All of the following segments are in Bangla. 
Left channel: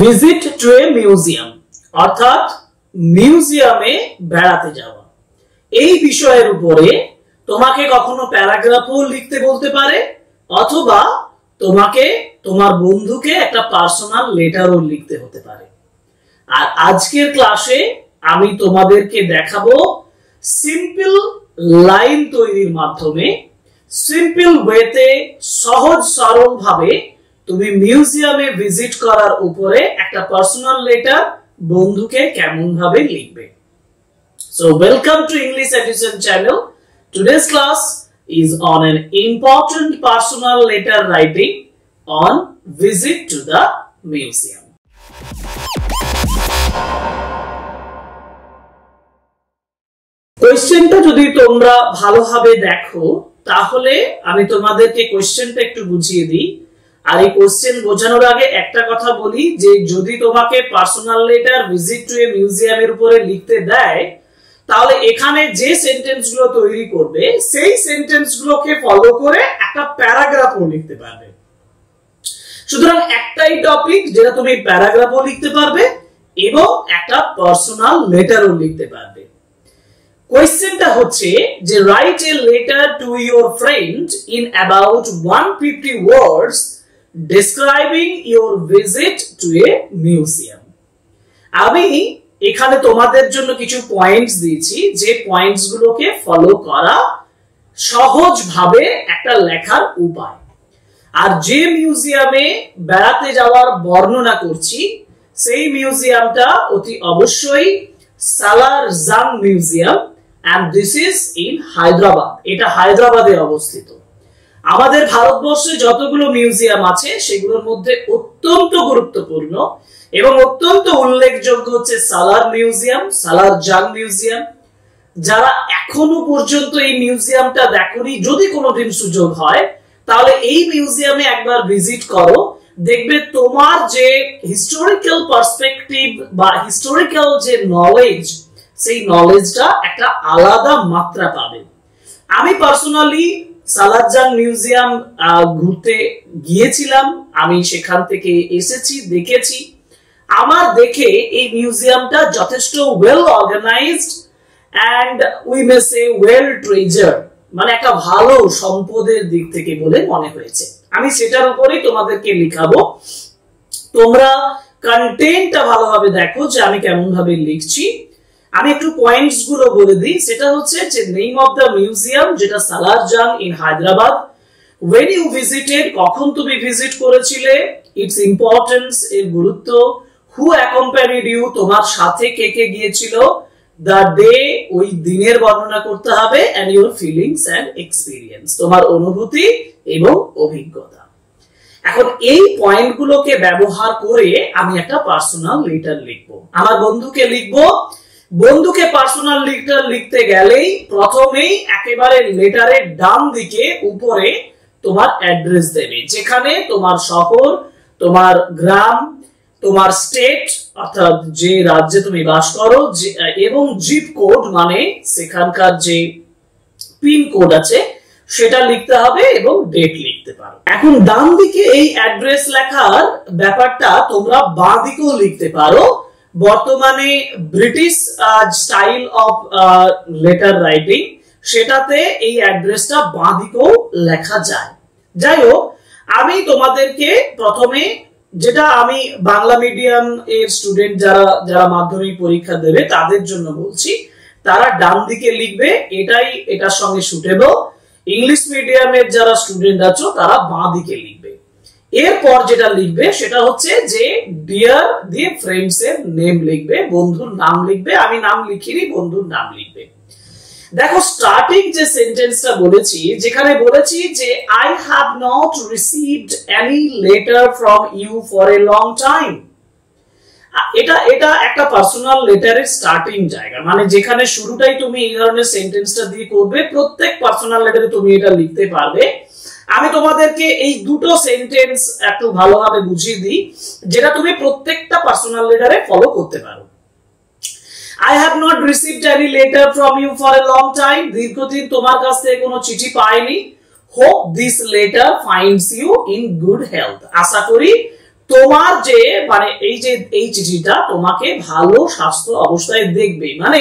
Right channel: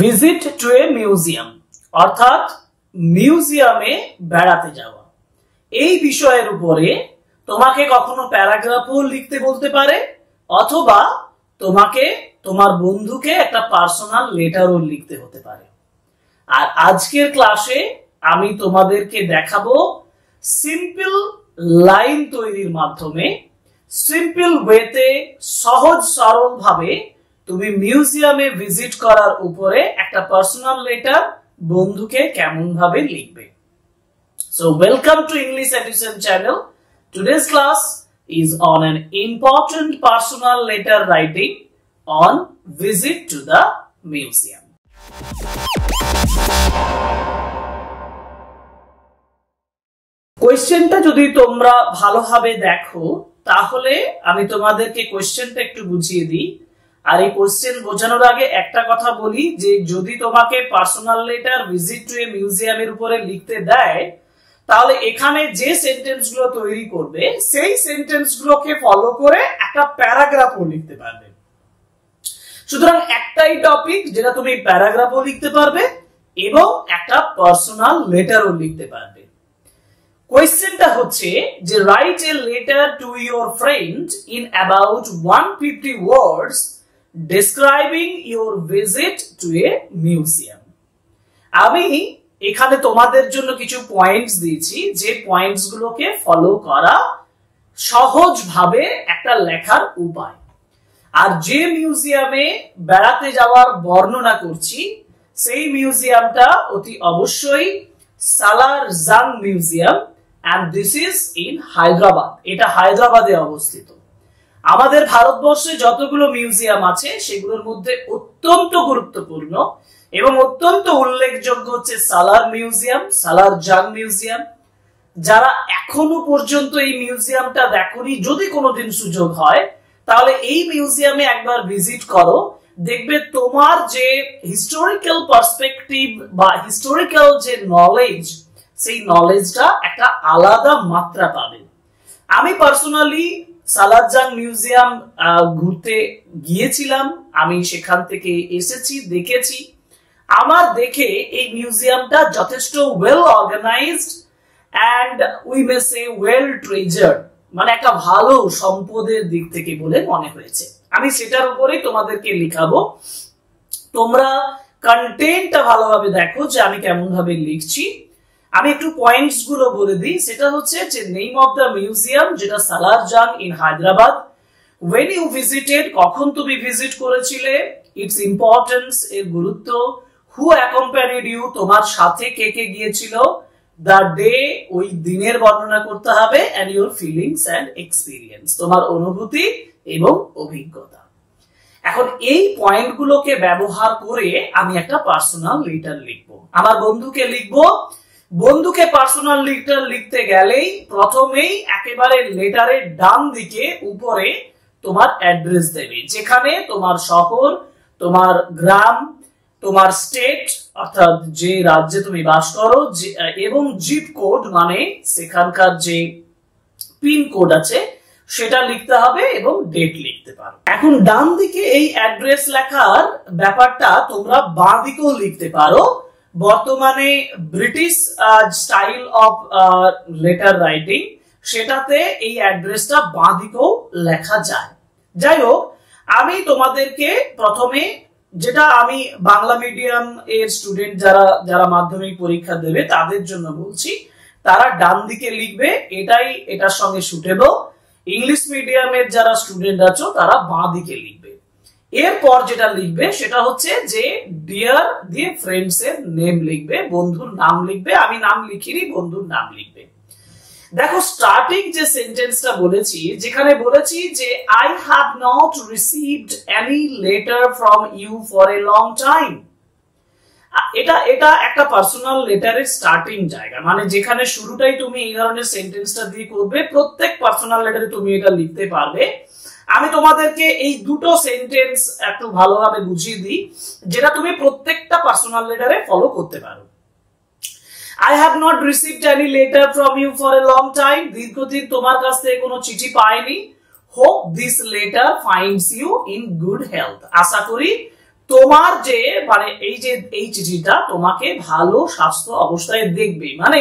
ভিজিট টু এ মিউজিয়াম অর্থাৎ মিউজিয়ামে বেড়াতে যাওয়া। এই বিষয়ের উপরে তোমাকে কখনো প্যারাগ্রাফও লিখতে বলতে পারে অথবা তোমাকে তোমার বন্ধুকে একটা পার্সোনাল লেটারও লিখতে হতে পারে। আর আজকের ক্লাসে আমি তোমাদেরকে দেখাবো সিম্পল লাইন তৈরির মাধ্যমে সিম্পল ওয়েতে সহজ সরল ভাবে তুমি মিউজিয়ামে ভিজিট করার উপরে একটা পার্সোনাল লেটার বন্ধুকে কেমন ভাবে লিখবে। So welcome to English Education channel. Today's class is on an important personal letter writing on visit to the museum. কোয়েশ্চেনটা যদি তোমরা ভালোভাবে দেখো তাহলে আমি তোমাদেরকে কোয়েশ্চেনটা একটু বুঝিয়ে দিই। আর এই কোয়েশ্চেন বোঝানোর আগে একটা কথা বলি যে যদি তোমাকে পার্সোনাল লেটার ভিজিট টু এ মিউজিয়ামের উপরে লিখতে দেয় তাহলে এখানে যে সেন্টেন্স গুলো তৈরি করবে সেই সেন্টেন্স গুলোকে ফলো করে একটা প্যারাগ্রাফও লিখতে পারবে। সুতরাং একটাই টপিক যেটা তুমি প্যারাগ্রাফও লিখতে পারবে এবং একটা পার্সোনাল লেটারও লিখতে পারবে। কোয়েশ্চেনটা হচ্ছে যে write a letter to your friend in about 150 words describing your visit two A museum. আমি এখানে তোমাদের জন্য কিছু পয়েন্টস দিয়েছি যে পয়েন্টস গুলোকে ফলো করা সহজভাবে একটা লেখার উপায়। আর যে মিউজিয়ামে বেড়াতে যাওয়ার বর্ণনা করছি সেই মিউজিয়ামটা অতি অবশ্যই সালার জাং museum and this is in Hyderabad. এটা হায়দ্রাবাদে অবস্থিত। আমাদের ভারতবর্ষে যতগুলো মিউজিয়াম আছে সেগুলোর মধ্যে অত্যন্ত গুরুত্বপূর্ণ এবং অত্যন্ত উল্লেখযোগ্য হচ্ছে সালার মিউজিয়াম, সালার জাং মিউজিয়াম। যারা এখনো পর্যন্ত এই মিউজিয়ামটা দেখোনি, যদি কোনোদিন সুযোগ হয় তাহলে এই মিউজিয়ামে একবার ভিজিট করো, দেখবে তোমার যে হিস্টোরিক্যাল পার্সপেক্টিভ বা হিস্টোরিক্যাল যে নলেজ সেই নলেজটা একটা আলাদা মাত্রা পাবে। আমি পার্সোনালি সালারজাং মিউজিয়াম ঘুরতে গিয়েছিলাম, আমি সেখান থেকে এসেছি, দেখেছি। আমার দেখে এই মিউজিয়ামটা যথেষ্ট well organized and we may say well treasured, মানে একটা ভালো সম্পদের দিক থেকে বলে মনে হয়েছে। আমি সেটার উপরেই তোমাদেরকে লিখাবো। তোমরা কন্টেন্টটা ভালোভাবে দেখো যে আমি কেমন ভাবে লিখছি। আমি একটু পয়েন্টস গুলো বলে দিই। সেটা হচ্ছে যে নেম অফ দ্য মিউজিয়াম যেটা সালার জাং in Hyderabad, when you visited কখন তুমি ভিজিট করেছিলে, ইটস ইম্পর্টেন্স এর গুরুত্ব, who accompanied you তোমার সাথে কে কে গিয়েছিল, the day ওই দিনের বর্ণনা করতে হবে, and your feelings and experience তোমার অনুভূতি এবং অভিজ্ঞতা। এখন এই পয়েন্ট গুলোকে ব্যবহার করে আমি একটা পার্সোনাল লেটার লিখবো, আমার বন্ধুকে লিখবো। বন্ধুকে পার্সোনাল লেটার লিখতে গেলেই প্রথমেই একেবারে লেটারের ডান দিকে উপরে তোমার অ্যাড্রেস দেবে, যেখানে তোমার শহর, তোমার গ্রাম, তোমার স্টেট অর্থাৎ যে রাজ্যে তুমি বাস করো এবং জিপ কোড মানে সেখানকার যে পিন কোড আছে সেটা লিখতে হবে এবং ডেট লিখতে পারো। এখন ডান দিকে এই অ্যাড্রেস লেখার ব্যাপারটা তোমরা বাঁ দিকেও লিখতে পারো। বর্তমানে British style of letter writing সেটাতে এই অ্যাড্রেসটা বাঁ দিকেও লেখা যায়। যাই হোক, আমি তোমাদেরকে প্রথমে যেটা আমি বাংলা মিডিয়াম এর স্টুডেন্ট যারা মাধ্যমিক পরীক্ষা দেবে তাদের জন্য বলছি, তারা ডান দিকে লিখবে, এটাই এটার সঙ্গে সুটেবল। ইংলিশ মিডিয়ামের যারা স্টুডেন্ট আছো তারা বাঁ দিকে লিখবে। এরপর যেটা লিখবে সেটা হচ্ছে যে ডিয়ার দিয়ে ফ্রেন্ডস এর নেম লিখবে, বন্ধুর নাম লিখবে। আমি নাম লিখিনি, বন্ধুর নাম লিখবে। দেখো স্টার্টিং যে সেন্টেন্সটা বলেছি, যেখানে বলেছি যে I have not received any letter from you for a long time, এটা একটা পার্সোনাল লেটারের স্টার্টিং জায়গা, মানে যেখানে শুরুটাই তুমি এই ধরনের সেন্টেন্সটা দিয়ে করবে। প্রত্যেক পার্সোনাল লেটারে তুমি এটা লিখতে পারবে। আমি তোমাদেরকে এই দুটো সেন্টেন্স একটু ভালোভাবে বুঝিয়ে দিই, যেটা তুমি প্রত্যেকটা পার্সোনাল লেটারে ফলো করতে পারো। I have not received any letter from you for a long time, দীর্ঘদিন তোমার কাছ থেকে কোনো চিঠি পাইনি। Hope this letter finds you in good health, আশা করি তোমার যে মানে এই চিঠিটা তোমাকে ভালো স্বাস্থ্য অবস্থায় দেখবে, মানে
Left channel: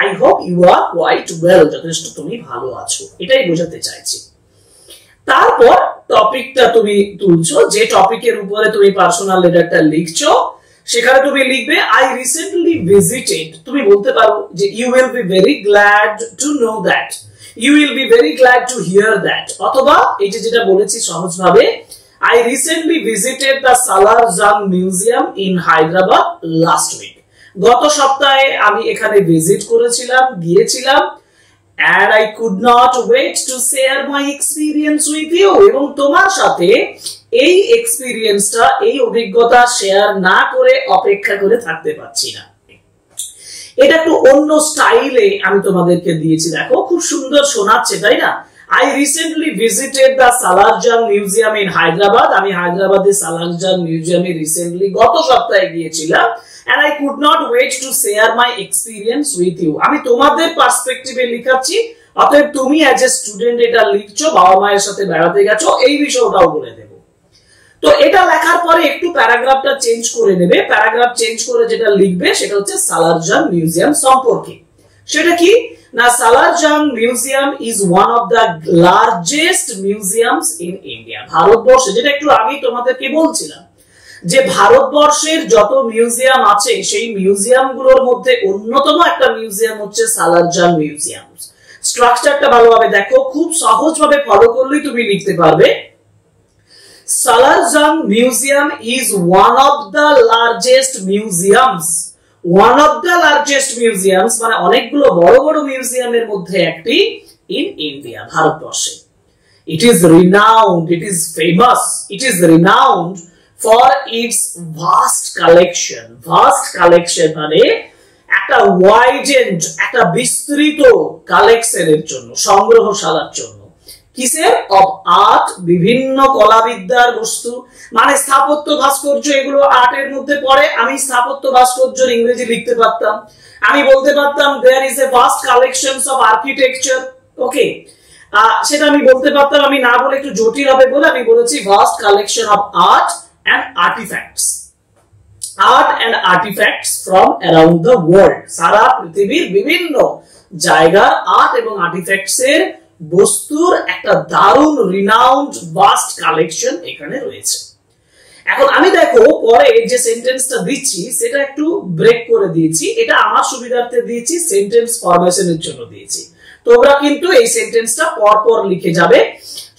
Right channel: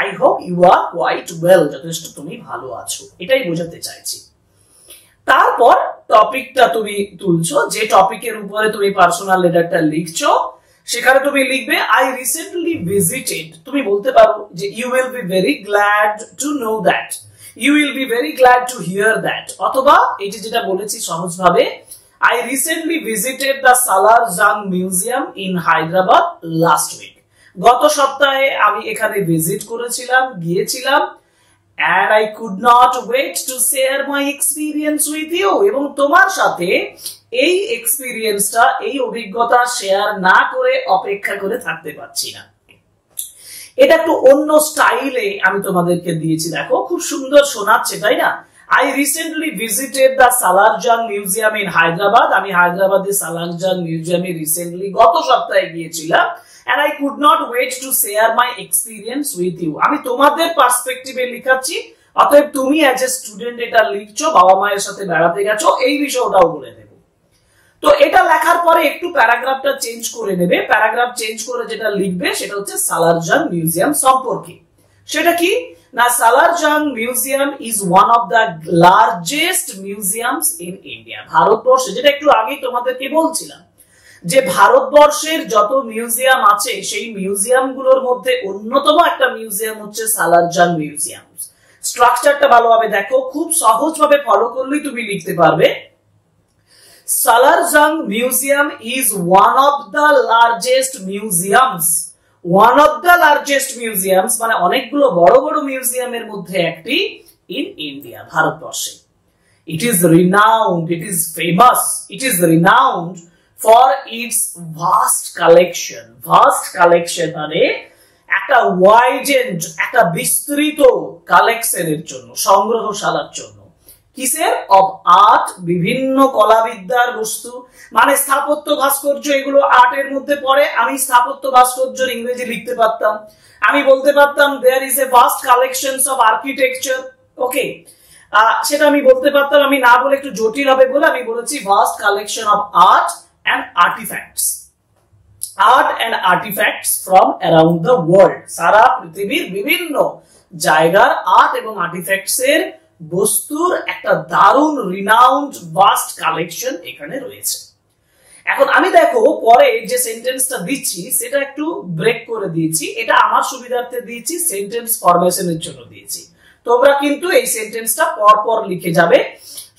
I hope you are quite well, যথেষ্ট তুমি ভালো আছো, এটাই বোঝাতে চাইছি। তারপর টপিকটা তুমি তুলছো, যে টপিকের উপরে তুমি পার্সোনাল লেটারটা লিখছো সেখানে তুমি লিখবে আই রিসেন্টলি ভিজিটেড। তুমি বলতে পারো যে you will be very glad to know that, you will be very glad to hear that. অথবা এই যেটা বলেছি সহজভাবে, I recently visited the Salar Jung Museum in Hyderabad last week. গত সপ্তাহে আমি এখানে ভিজিট করেছিলাম, গিয়েছিলাম, and I could not wait to share my experience with you. এবং তোমার সাথে এই এক্সপেরিয়েন্সটা, এই অভিজ্ঞতা শেয়ার না করে অপেক্ষা করে থাকতে পারছি না। এটা একটু অন্য স্টাইলে আমি তোমাদেরকে দিয়েছি, দেখো খুব সুন্দর শোনাচ্ছে, তাই না? I recently visited the Salar Jung Museum in Hyderabad. আমি হায়দ্রাবাদের সালার জাং মিউজিয়ামে রিসেন্টলি গত সপ্তাহে গিয়েছিলাম, and I could not wait to share my experience with you. আমি তোমাদের পার্সপেক্টিভে লিখাচ্ছি, অতএব তুমি অ্যাজ এ স্টুডেন্ট এটা লিখছো, বাবা মায়ের সাথে বেড়াতে গেছো, এই বিষয়টাও বলে দেব। তো এটা লেখার পরে একটু প্যারাগ্রাফটা চেঞ্জ করে নেবে। প্যারাগ্রাফ চেঞ্জ করে যেটা লিখবে সেটা হচ্ছে সালার জাং মিউজিয়াম সম্পর্কে। সেটা কি না, সালার জাং museum is one of the largest museums in India. ভারতবর্ষে, যেটা একটু আগেই তোমাদেরকে বলছিলাম, যে ভারতবর্ষের যত মিউজিয়াম আছে সেই মিউজিয়াম গুলোর মধ্যে অন্যতম একটা মিউজিয়াম হচ্ছে সালার জাং মিউজিয়াম। স্ট্রাকচারটা ভালোভাবে দেখো, খুব সহজভাবে ফলো করলেই তুমি লিখতে পারবে। সালার জাং museum is one of the largest museums. One of the largest museums মানে অনেকগুলো বড় বড় মিউজিয়ামের মধ্যে একটি ইন ইন্ডিয়া, ভারতবর্ষে। It is renowned, it is famous, it is renowned for its vast collection. Vast collection মানে একটা ওয়াইডেন্ড, একটা বিস্তৃত কালেকশনের জন্য, সংগ্রহশালার জন্য। কিসের? অফ আর্ট, বিভিন্ন কলাবিদ্যার বস্তু, মানে স্থাপত্য ভাস্কর্য, এগুলো আর্টের মধ্যে পড়ে। আমি স্থাপত্য ভাস্কর্যের ইংরেজি লিখতে পারতাম, আমি বলতে পারতাম there is a vast collections of architecture, okay, সেটা আমি বলতে পারতাম। আমি না বলে একটু জটিল হবে বলে আমি বলেছি vast collection of art and artifacts. Art and artifacts from around the world, সারা পৃথিবীর বিভিন্ন জায়গার আর্ট এবং আর্টিফ্যাক্টস এর বস্তুর একটা দারুণ রিনাউন্ড ভাস্ট কালেকশন এখানে রয়েছে। এখন আমি দেখো পরে যে সেন্টেন্সটা দিচ্ছি সেটা একটু ব্রেক করে দিয়েছি, এটা আমার সুবিধার্থে দিয়েছি, সেন্টেন্স ফরমেশনের জন্য দিয়েছি। তোমরা কিন্তু এই সেন্টেন্সটা পরপর লিখে যাবে,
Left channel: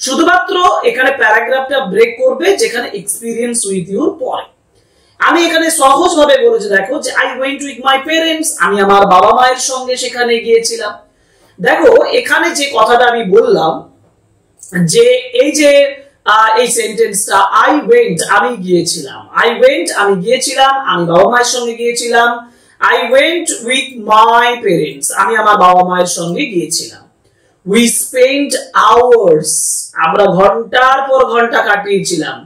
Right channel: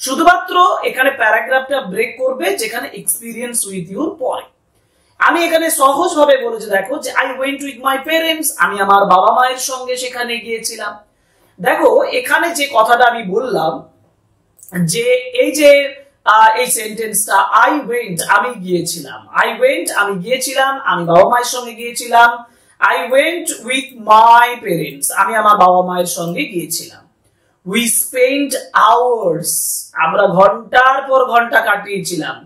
শুধুমাত্র এখানে প্যারাগ্রাফটা ব্রেক করবে যেখানে এক্সপিরিয়েন্স উইথ ইউর পরে। আমি এখানে সহজভাবে বলেছি, দেখো যে I went with my parents, আমি আমার বাবা মায়ের সঙ্গে সেখানে গিয়েছিলাম। দেখো এখানে যে কথাটা আমি বললাম যে এই যে এই সেন্টেন্সটা আই ওয়েন্ট, আমি গিয়েছিলাম, আই ওয়েন্ট আমি গিয়েছিলাম, আমি বাবা মায়ের সঙ্গে গিয়েছিলাম। I went with my parents, আমি আমার বাবা মায়ের সঙ্গে গিয়েছিলাম। উই স্পেন্ট আওয়ার্স, আমরা ঘন্টার পর ঘন্টা কাটিয়েছিলাম।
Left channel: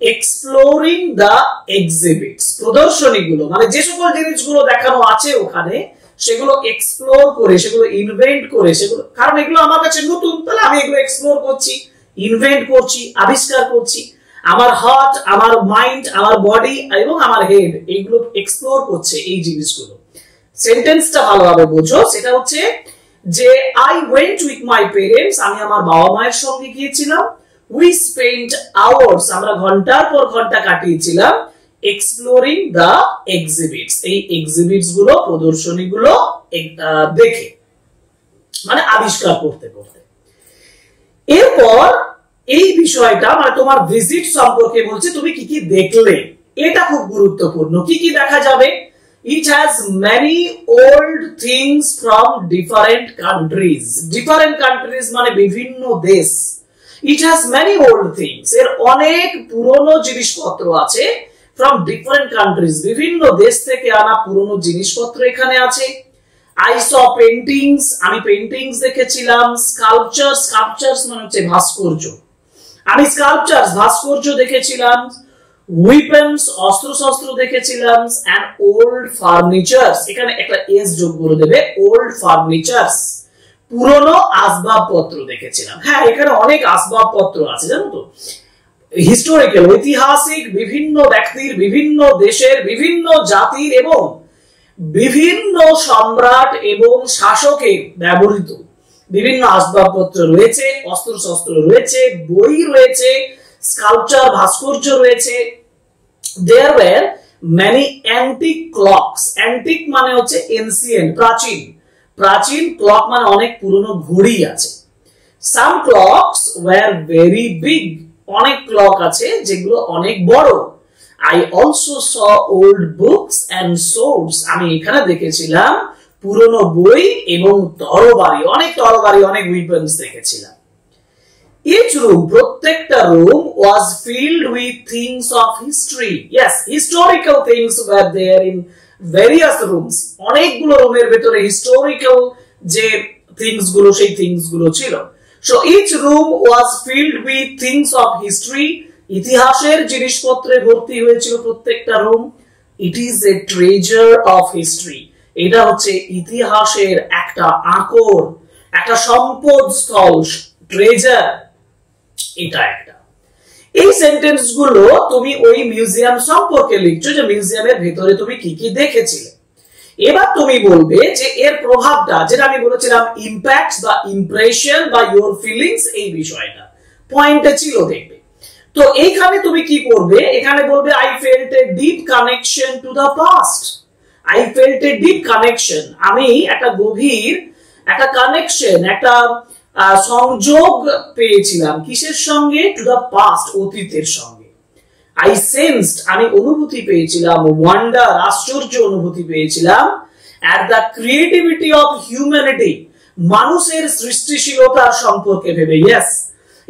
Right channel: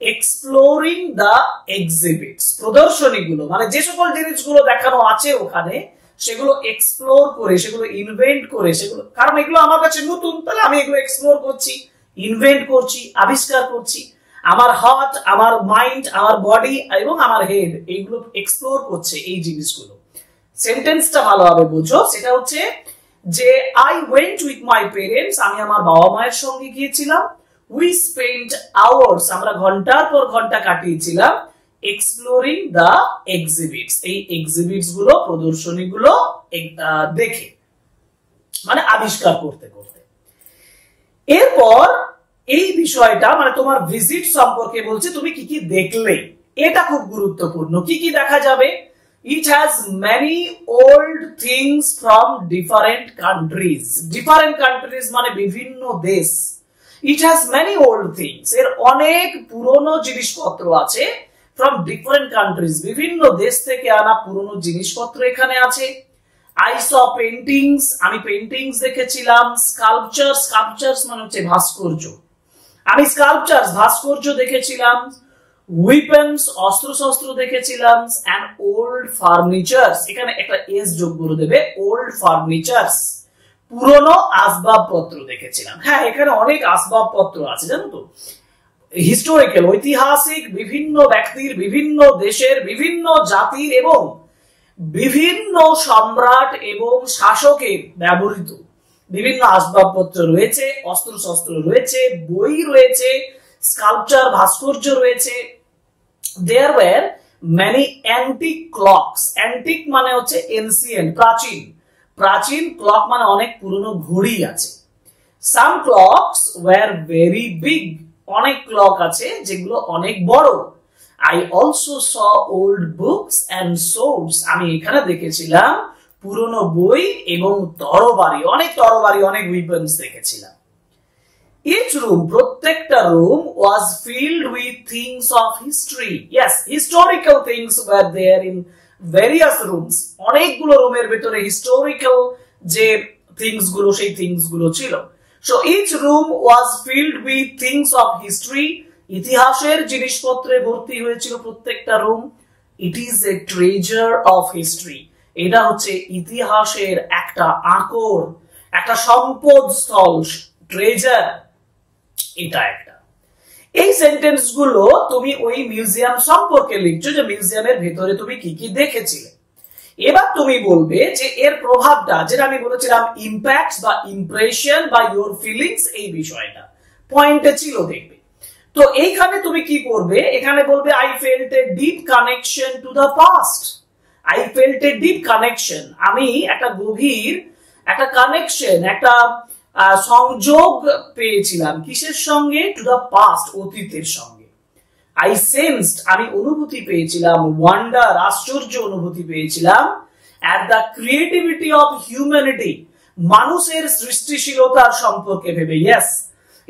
এক্সপ্লোরিং দ্য এক্সিবিটস, প্রদর্শনীগুলো মানে যে সকল জিনিসগুলো দেখানো আছে ওখানে সেগুলো এক্সপ্লোর করে, সেগুলো ইনভেন্ট করে, সেগুলো, কারণ এগুলো আমার কাছে নতুন, তাহলে আমি এগুলো এক্সপ্লোর করছি, ইনভেন্ট করছি, আবিষ্কার করছি। আমার হার্ট, আমার মাইন্ড, আমার বডি এবং আমার হেড এইগুলো এক্সপ্লোর করছে এই জিনিসগুলো। সেন্টেন্সটা ভালোভাবে বোঝো, সেটা হচ্ছে যে I went with my parents, আমি আমার বাবা মায়ের সঙ্গে গিয়েছিলাম। উই স্পেন্ট আওয়ার্স, আমরা ঘন্টার পর ঘন্টা কাটিয়েছিলাম। এক্সপ্লোরিং দ্য এক্সিবিটস, এই এক্সিবিটস গুলো, প্রদর্শনীগুলো দেখে, মানে আবিষ্কার করতে করতে। এরপর এই বিষয়টা মানে তোমার ভিজিট সম্পর্কে বলছে, তুমি কি কি দেখলে, এটা খুব গুরুত্বপূর্ণ। কি কি দেখা যাবে? It has many old things from different countries. Different countries মানে বিভিন্ন দেশ। It has many old things, এর অনেক পুরনো জিনিসপত্র আছে। From different countries, বিভিন্ন দেশ থেকে আনা পুরনো জিনিসপত্র এখানে আছে। I saw paintings, আমি পেইন্টিংস দেখেছিলাম। Sculptures, sculptures মানে হচ্ছে ভাস্কর্য, আমি স্কাল্পচার্স ভাস্কর্য দেখেছিলাম। Weapons, অস্ত্র শস্ত্র দেখেছিলাম। And old furnitures, এখানে একটা এস যোগ করে দেবে, old furnitures, পুরনো আসবাবপত্র দেখেছিলাম। হ্যাঁ, এখানে অনেক আসবাবপত্র আছে, জানো তো। হিস্টোরিক্যাল ঐতিহাসিক বিভিন্ন ব্যক্তির, বিভিন্ন দেশের, বিভিন্ন জাতির এবং বিভিন্ন সম্রাট এবং শাসকের ব্যবহৃত বিভিন্ন আসবাবপত্র রয়েছে, অস্ত্রশস্ত্র রয়েছে, বই রয়েছে, স্কাল্পচার ভাস্কর্য রয়েছে। There were many antique clocks. Antique মানে হচ্ছে ancient, প্রাচীন। প্রাচীন, ক্লক মানে অনেক পুরনো ঘড়ি আছে। Some clocks were very big. অনেক ক্লক আছে যেগুলো অনেক বড়। I also saw old books and swords. আমি এখানে দেখেছিলাম পুরনো বই এবং তরবারি, অনেক তরবারি, অনেক weapons দেখেছিলাম। Each room, প্রত্যেকটা room was filled with things of history. Yes, historical things were there in various rooms. অনেকগুলো রুমের ভিতরে historical যে things গুলো, সেই things গুলো ছিল। So each room was filled with things of history. ইতিহাসের জিনিসপত্রে ভর্তি হয়েছিল প্রত্যেকটা room. It is a treasure of history. এটা হচ্ছে ইতিহাসের একটা আকর, একটা সম্পদ স্থল, ট্রেজার। এটা একটা। এই সেন্টেন্স গুলো তুমি ওই মিউজিয়াম সম্পর্কে লিখছো, যে মিউজিয়ামের ভেতরে তুমি কি কি দেখেছিলে। এবার তুমি বলবে যে এর প্রভাবটা, যেটা আমি বলেছিলাম ইম্প্যাক্ট বা ইমপ্রেশন বা ইওর ফিলিংস, এই বিষয়টা পয়েন্টে ছিল, দেখবে। তো এইখানে তুমি কি করবে, এখানে বলবে I felt a deep connection to the past. I felt a deep connection, আমি একটা গভীর একটা কানেকশন, একটা সংযোগ পেয়েছিলাম কিসের সঙ্গে, টু দ্য পাস্ট, অতীতের সঙ্গে। আই সেন্সড, আমি অনুভূতি পেয়েছিলাম, ওয়ান্ডার, আশ্চর্য অনুভূতি পেয়েছিলাম, at the creativity of humanity, মানুষের সৃষ্টিশীলতার সম্পর্কে ভেবে। Yes,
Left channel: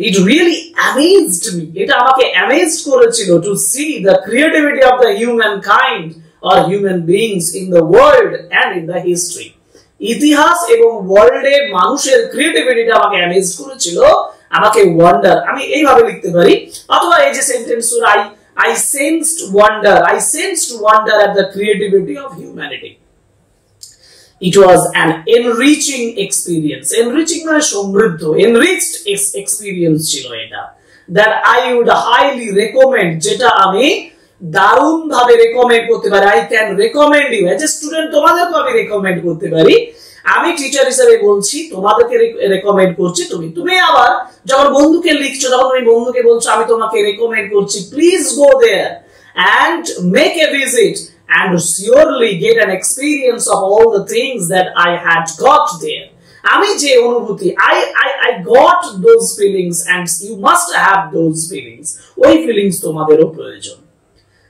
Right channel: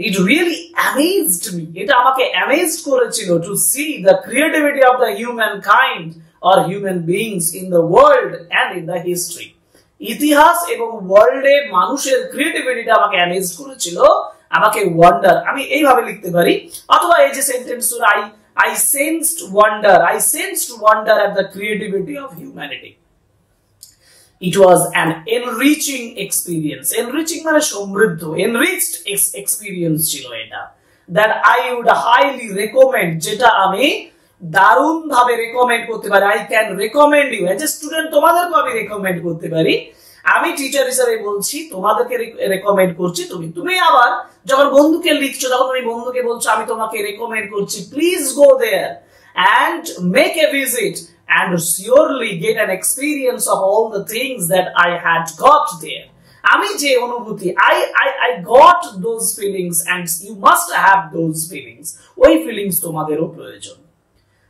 it really amazed me, এটা আমাকে অ্যামেজড করেছিল, to see the creativity of the human kind or human beings in the world and in the history. ইতিহাস এবং ওয়ার্ল্ডে মানুষের ক্রিয়েটিভিটিটা আমাকে অ্যামেজ করেছিল, আমাকে ওয়ান্ডার, আমি এইভাবে লিখতে পারি। অথবা এই যে sentence, I sensed wonder at the creativity of humanity. It was an enriching experience. Enriching মানে সমৃদ্ধ, enriched experience ছিল এটা, that I would highly recommend, যেটা আমি দারুণ ভাবে রেকমেন্ড করতে পারি। I can recommend you, as a student তোমাদেরকে আমি রেকমেন্ড করতে পারি। আমি টিচার হিসেবে বলছি, তোমাদেরকে রেকমেন্ড করছি। তুমি আবার যখন বন্ধুকে লিখছো, তখন তুমি বন্ধুকে বলছো আমি তোমাকে রেকমেন্ড করছি, please go there and make a visit and surely get an experience of all the things that I had got there. আমি যে অনুভূতি, I got those feelings and you must have those feelings. ওই ফিলিংস তোমাদেরও প্রয়োজন।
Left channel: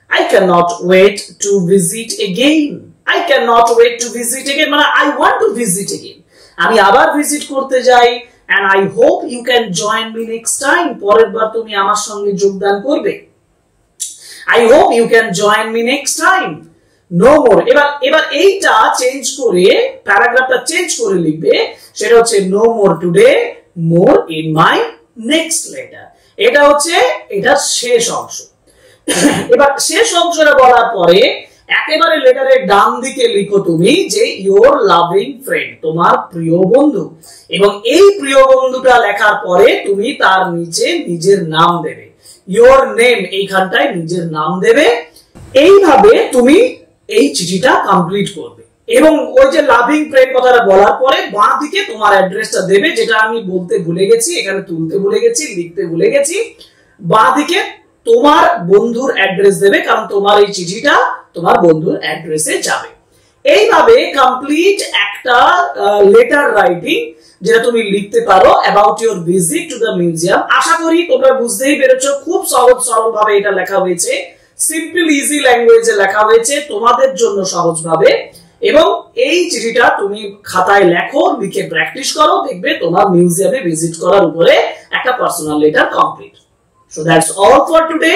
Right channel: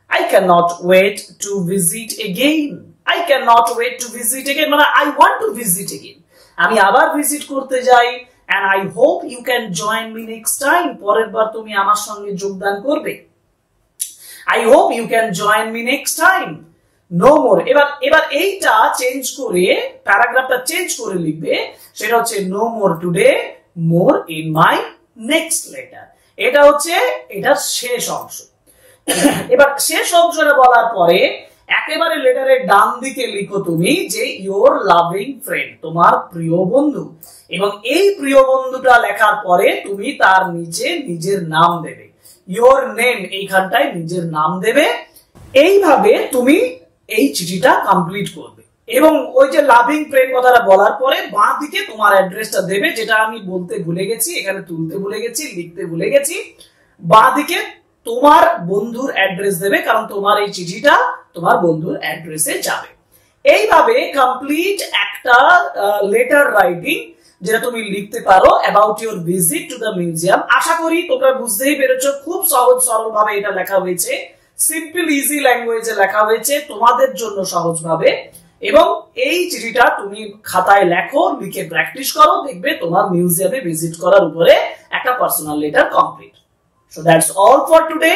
I cannot wait to visit again. I cannot wait to visit again মানে I want to visit again. আমি আবার ভিজিট করতে যাই, and I hope you can join me next time. পরের বার তুমি আমার সঙ্গে যোগদান করবে। I hope you can join me next time. No more. এবার এইটা চেঞ্জ করে, প্যারাগ্রাফটা চেঞ্জ করে লিখবে, সেটা হচ্ছে no more today, more in my next letter. এটা হচ্ছে এটার শেষ অংশ। এবার শেষ অংশটা বলার পরে একেবারে লেটারের ডান দিকে লিখো তুমি যে ইওর লাভিং ফ্রেন্ড, তোমার প্রিয় বন্ধু। এবং এই প্রিয় বন্ধুটা লেখার পরে তুমি তার নিচে নিজের নাম দেবে, ইওর নেম, এইখানটায় নিজের নাম দেবে। এইভাবে তুমি এই চিঠিটা কমপ্লিট করবে। এবং ওই যে লাভিং ফ্রেন্ড কথাটা বলার পরে বাঁ দিকে তোমার অ্যাড্রেসটা দেবে, যেটা আমি বলতে ভুলে গেছি, এখানে তুলতে ভুলে গেছি, লিখতে ভুলে গেছি। বাঁ দিকে তোমার বন্ধুর অ্যাড্রেস দেবে, কারণ তোমার এই চিঠিটা তোমার বন্ধুর অ্যাড্রেসে যাবে। এইভাবে কমপ্লিট একটা লেটার রাইটিং যেটা তুমি লিখতে পারো about your visit to the museum. আশা করি তোমরা বুঝতেই পেরেছো, খুব সহজ সরল ভাবে এটা লেখা হয়েছে, সিম্পল ইজি ল্যাঙ্গুয়েজে লেখা হয়েছে তোমাদের জন্য সহজ ভাবে। এবং এই চিঠিটা তুমি খাতায় লেখো, লিখে প্র্যাকটিস করো, দেখবে তোমার মিউজিয়ামে ভিজিট করার উপরে একটা personal letter complete. So that's all for today.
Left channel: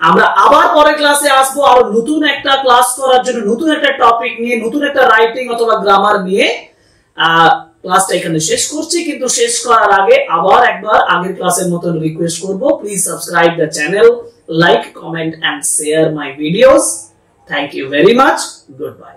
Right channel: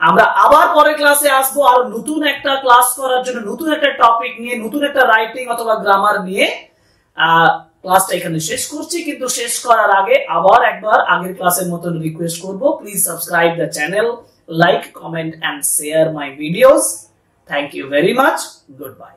আমরা আবার পরের ক্লাসে আসবো আরো নতুন একটা ক্লাস করার জন্য, নতুন একটা টপিক নিয়ে, নতুন একটা রাইটিং অথবা গ্রামার নিয়ে। ক্লাসটা এখানে শেষ করছি, কিন্তু শেষ করার আগে আবার একবার আগের ক্লাসের মতন রিকোয়েস্ট করব, please subscribe the channel, like, comment and share my videos. Thank you very much. Good by.